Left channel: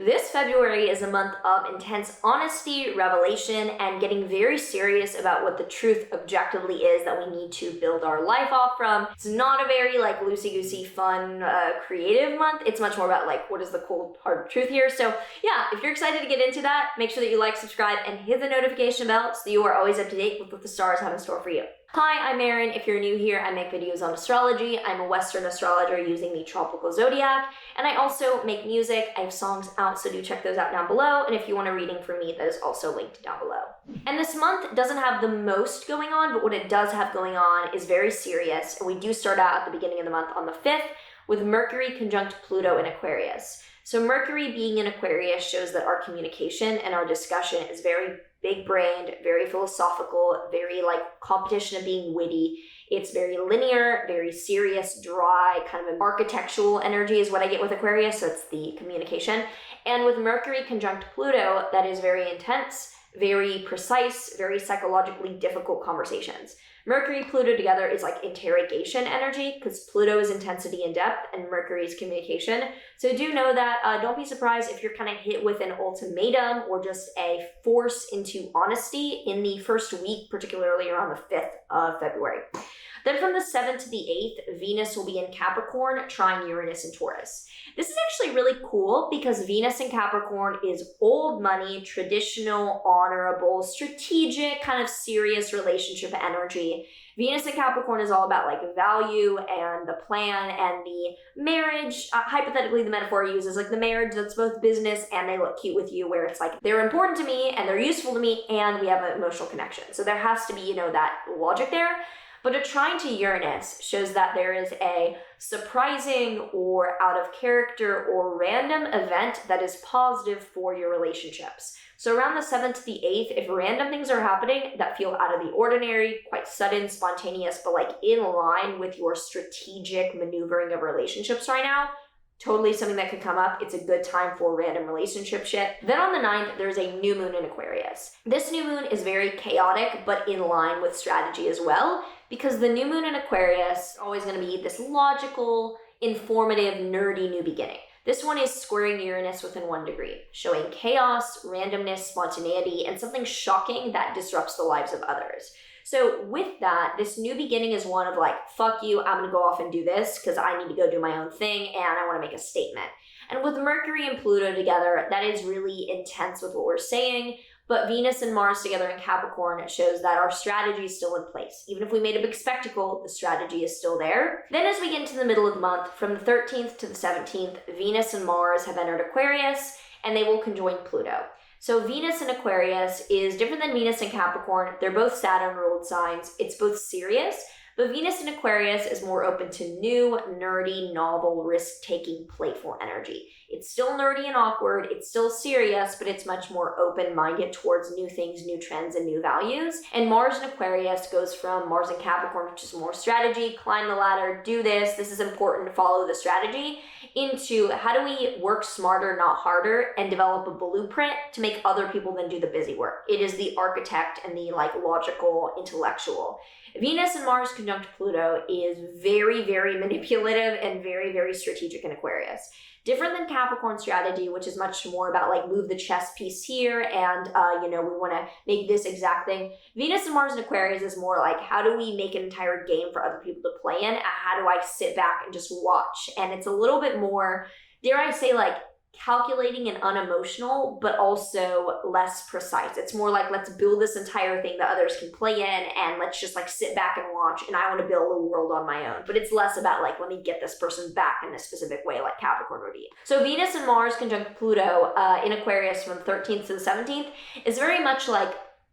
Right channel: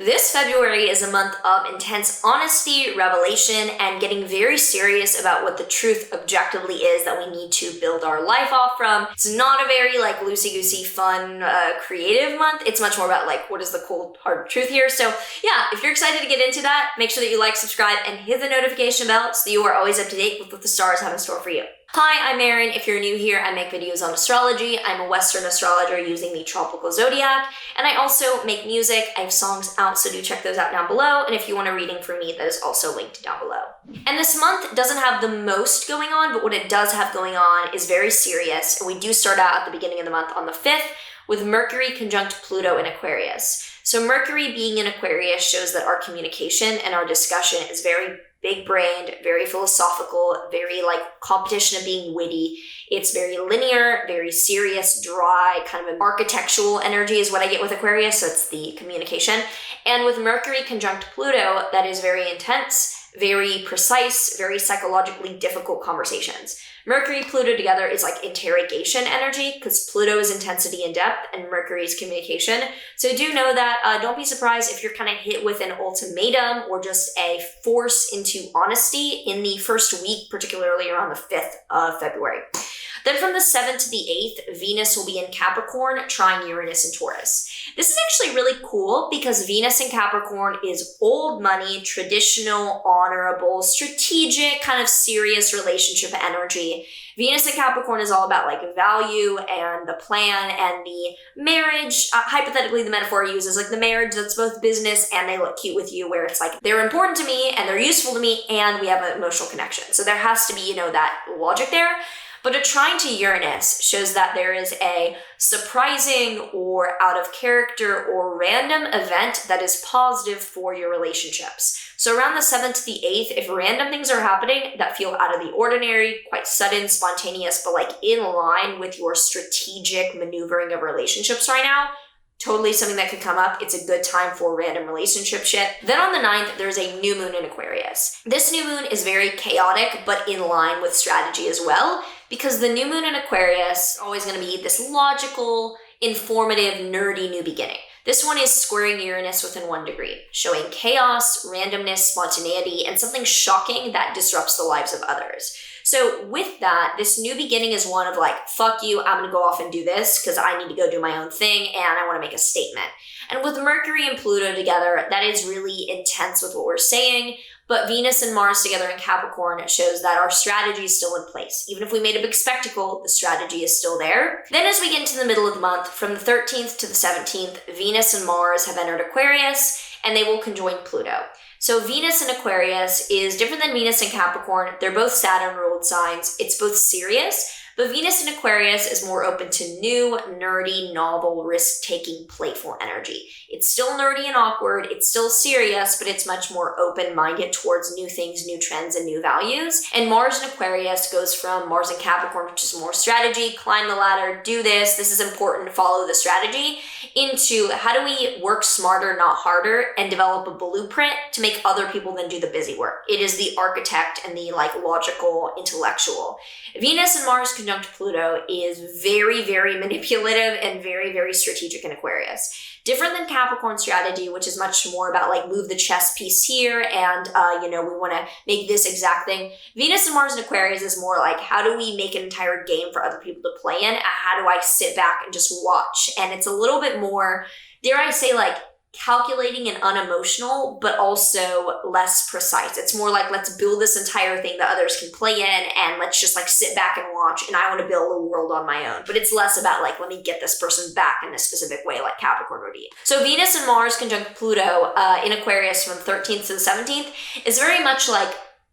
This February is a month of intense honesty, revelation, and getting very serious about what the truth objectively is that we need to build our life off from. It's not a very loosey-goosey, fun, creative month. It's much more about what is the cold, hard truth here. So yeah, if you're excited to get into that, make sure that you like, subscribe, and hit the notification bell so that you are always up to date with what the stars have in store for you. Hi, I'm Maren. If you're new here, I make videos on astrology. I'm a Western astrologer using the tropical zodiac, and I also make music. I have songs out, so do check those out down below. And if you want a reading from me, that is also linked down below. And this month doesn't have the most going on, but what it does have going on is very serious. And we do start out at the beginning of the month on the 5th with Mercury conjunct Pluto in Aquarius. So Mercury being in Aquarius shows that our communication and our discussion is very big-brained, very philosophical, very competition of being witty. It's very linear, very serious, dry, kind of an architectural energy is what I get with Aquarius, so it's the communication. And with Mercury conjunct Pluto, that is very intense, very precise, very psychologically difficult conversations. Mercury, Pluto together is interrogation energy because Pluto is intensity and depth and Mercury is communication. So do know that, don't be surprised if you're kind of hit with an ultimatum or just a force into honesty in the first week, particularly around the 5th of February. Then from the 7th to the 8th, Venus will be in Capricorn, trine Uranus and Taurus. This is actually really cool because Venus in Capricorn is old money, traditional, honorable, strategic, kind of serious relationship energy. Venus in Capricorn is all about value and the plan and the marriage. Hypothetically, the metaphor I use is the marriage that's both business and they look cute with you, where it's they're important to me and they're useful to me and we have an emotional connection. So there has to be, that logic there. But a trine to Uranus shows that there is a surprising or out of character or random event that is positive for your relationships. So around the 7th to the 8th, if random things are happening that feel out of the ordinary, quite sudden, spontaneous, but in line with your strategic maneuvering of relationships right now, totally something that could come up. It's a good time for random relationship shit. Then on the 9th, there's a new moon in Aquarius. This new moon is very chaotic, but in line with strategy as well, because the new moon in Aquarius is always going to be this logical, informative, nerdy new beginning. This one is squaring Uranus within 1 degree, showing chaos, randomness, spontaneity, and something shocking that disrupts the lives of others. So with that, this new beginning is one of fuck you, I'm gonna go off and do this because I need to go do my own thing and I wanna make a statement. And with Mercury and Pluto together, that is really intense with what we're saying, but Venus and Mars together in Capricorn shows that our strategy is still in place. Even if we made a big spectacle, the strategy is still there. Then as we get into the middle of the month, from the 13th to the 17th, Venus and Mars have entered Aquarius and they will conjoin Pluto. So Venus in Aquarius is different than Venus in Capricorn. They're both Saturn-ruled signs. It's both serious, but Venus in Aquarius is more open to new, nerdy, novel, risk-taking, playful energy. It's still nerdy and awkward. It's still serious, but it's much more open-minded towards new things, new trends, and new values. And Mars in Aquarius goes from Mars in Capricorn, which is more strategy, climb the ladder, do this is important, follow the strategy, into how do we work smarter, not harder, and develop a blueprint to make other people then do the busy work. It is the architect and the logical, intellectual. Venus and Mars conjunct Pluto is very, very manipulative and very, very strategic in Aquarius. Different than Capricorn strategy, which is much more about move the chess piece here and, we want to make this exact thing. Venus and Mars in Aquarius is more how do we make an entire game for other people to play in? And how do I sit back and just watch? And it's a little bit more, dare I say, calculating and unemotional, but also less precise. It's more let's build this entire thing that others can play in and let's just sit back and watch and I want to build a world on my own. But it's less about let me get this person back in a specific way like Capricorn would be. So Venus and Mars conjunct Pluto in Aquarius from the 13th to the 17th is very much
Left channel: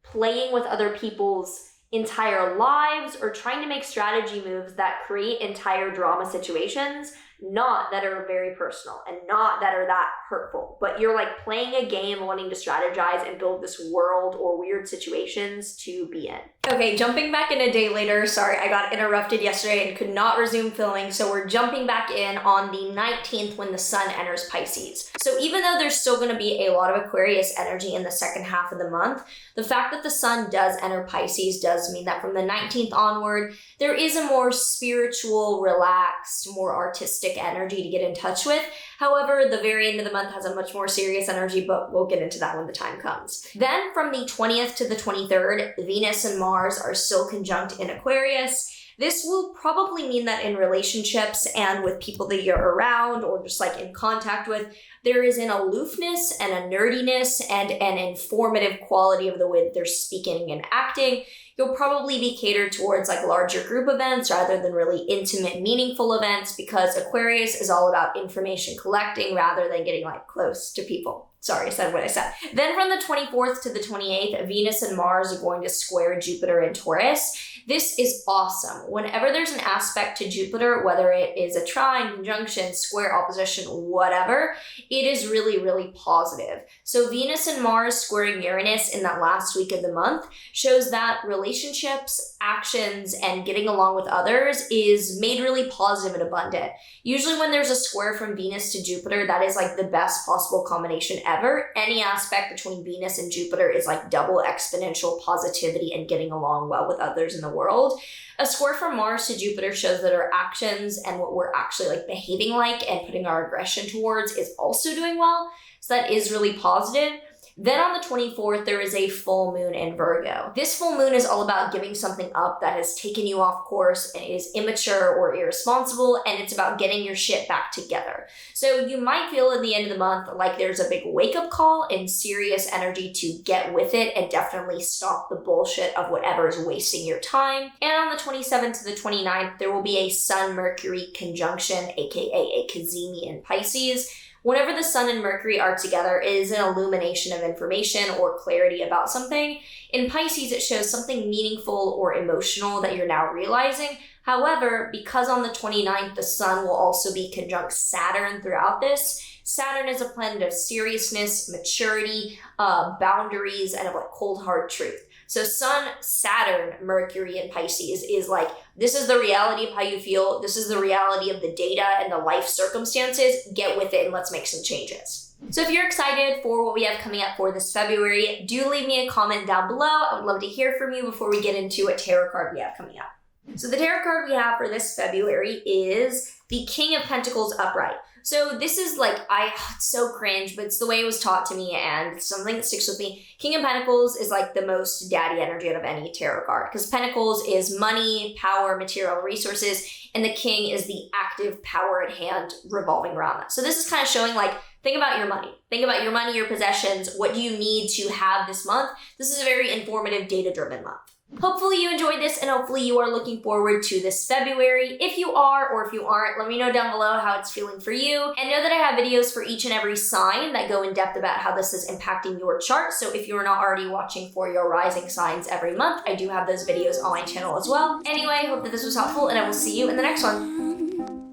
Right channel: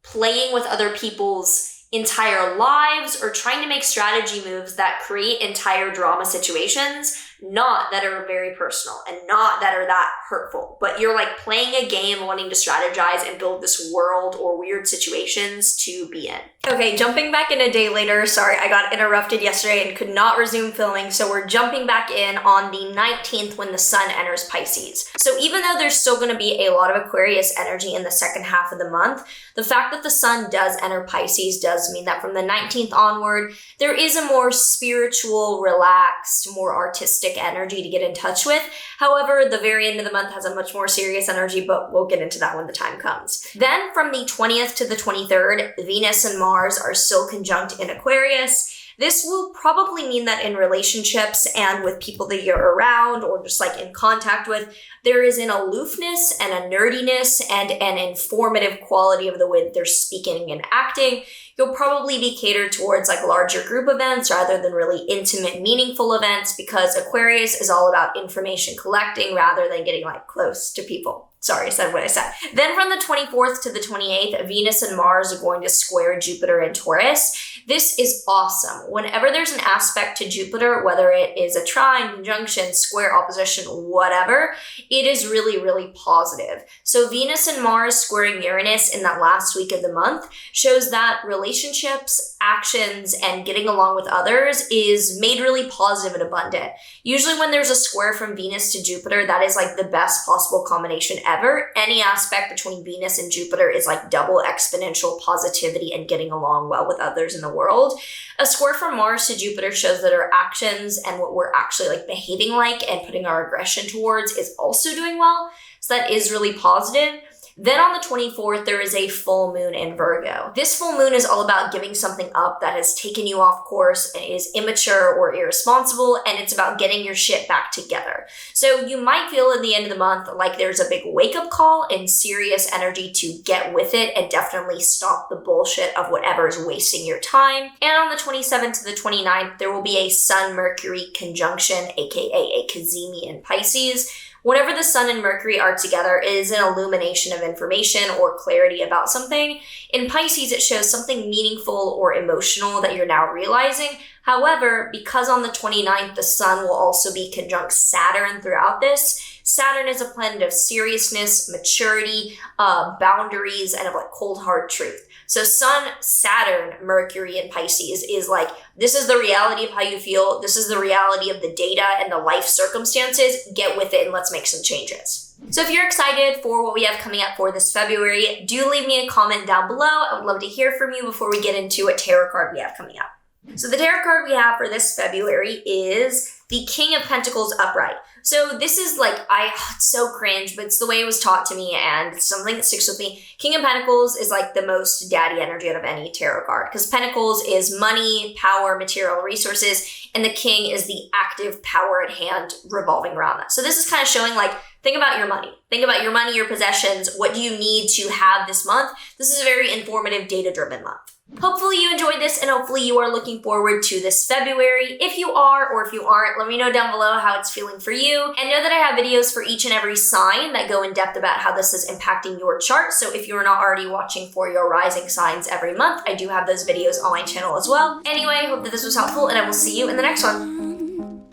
playing with other people's entire lives or trying to make strategy moves that create entire drama situations, not that are very personal and not that are that hurtful, but you're playing a game, wanting to strategize and build this world or weird situations to be in. Okay, jumping back in a day later. Sorry, I got interrupted yesterday and could not resume filming, so we're jumping back in on the 19th when the sun enters Pisces. So even though there's still going to be a lot of Aquarius energy in the second half of the month, the fact that the sun does enter Pisces does mean that from the 19th onward, there is a more spiritual, relaxed, more artistic stick energy to get in touch with. However, the very end of the month has a much more serious energy, but we'll get into that when the time comes. Then from the 20th to the 23rd, Venus and Mars are still conjunct in Aquarius. This will probably mean that in relationships and with people that you're around or just like in contact with, there is an aloofness and a nerdiness and an informative quality of the way that they're speaking and acting. You'll probably be catered towards like larger group events rather than really intimate, meaningful events, because Aquarius is all about information collecting rather than getting like close to people. Sorry, I said what I said. Then from the 24th to the 28th, Venus and Mars are going to square Jupiter in Taurus. This is awesome. Whenever there's an aspect to Jupiter, whether it is a trine, conjunction, square, opposition, whatever, it is really, really positive. So Venus and Mars squaring Uranus in that last week of the month shows that relationships, actions, and getting along with others is made really positive and abundant. Usually when there's a square from Venus to Jupiter, that is like the best possible combination ever. Any aspect between Venus and Jupiter is like double exponential positivity and getting along well with others in the world. A square from Mars to Jupiter shows that our actions and what we're actually like behaving like and putting our aggression towards is also doing well. So that is really positive. Then on the 24th, there is a full moon in Virgo. This full moon is all about giving something up that has taken you off course and is immature or irresponsible, and it's about getting your shit back together. So you might feel at the end of the month like there's a big wake-up call and serious energy to get with it and definitely stop the bullshit of whatever is wasting your time. And on the 27th to the 29th, there will be a Sun-Mercury conjunction, aka a cazimi in Pisces. Whenever the Sun and Mercury are together, it is an illumination of information or clarity about something. In Pisces, it shows something meaningful or emotional that you're now realizing. However, because on the 29th, the Sun will also be conjunct Saturn throughout this, Saturn is a planet of seriousness, maturity, boundaries, and of like cold hard truth. So Sun, Saturn, Mercury, and Pisces is like, this is the reality of how you feel. This is the reality of the data and the life circumstances. Get with it and let's make some changes. So if you're excited for what we have coming up for this February, do leave me a comment down below. I would love to hear from you before we get into what tarot card we have coming up. So the tarot card we have for this February is the King of Pentacles upright. So this is like, it's so cringe, but it's the way it was taught to me and it's something that sticks with me. King of Pentacles is like the most daddy energy out of any tarot card because Pentacles is money, power, material resources, and the King is the active power at hand revolving around that. So this is kind of showing like, think about your money. Think about your money, your possessions. What do you need to have this month? This is a very informative, data-driven month. Hopefully you enjoyed this and hopefully you are looking forward to this February. If you are or if you aren't, let me know down below how it's feeling for you. And know that I have videos for each and every sign that go in depth about how this is impacting your chart. So if you're not already watching for your rising signs every month, I do have those videos on my channel as well. Anyway, I hope that this was helpful and I will see you in the next one.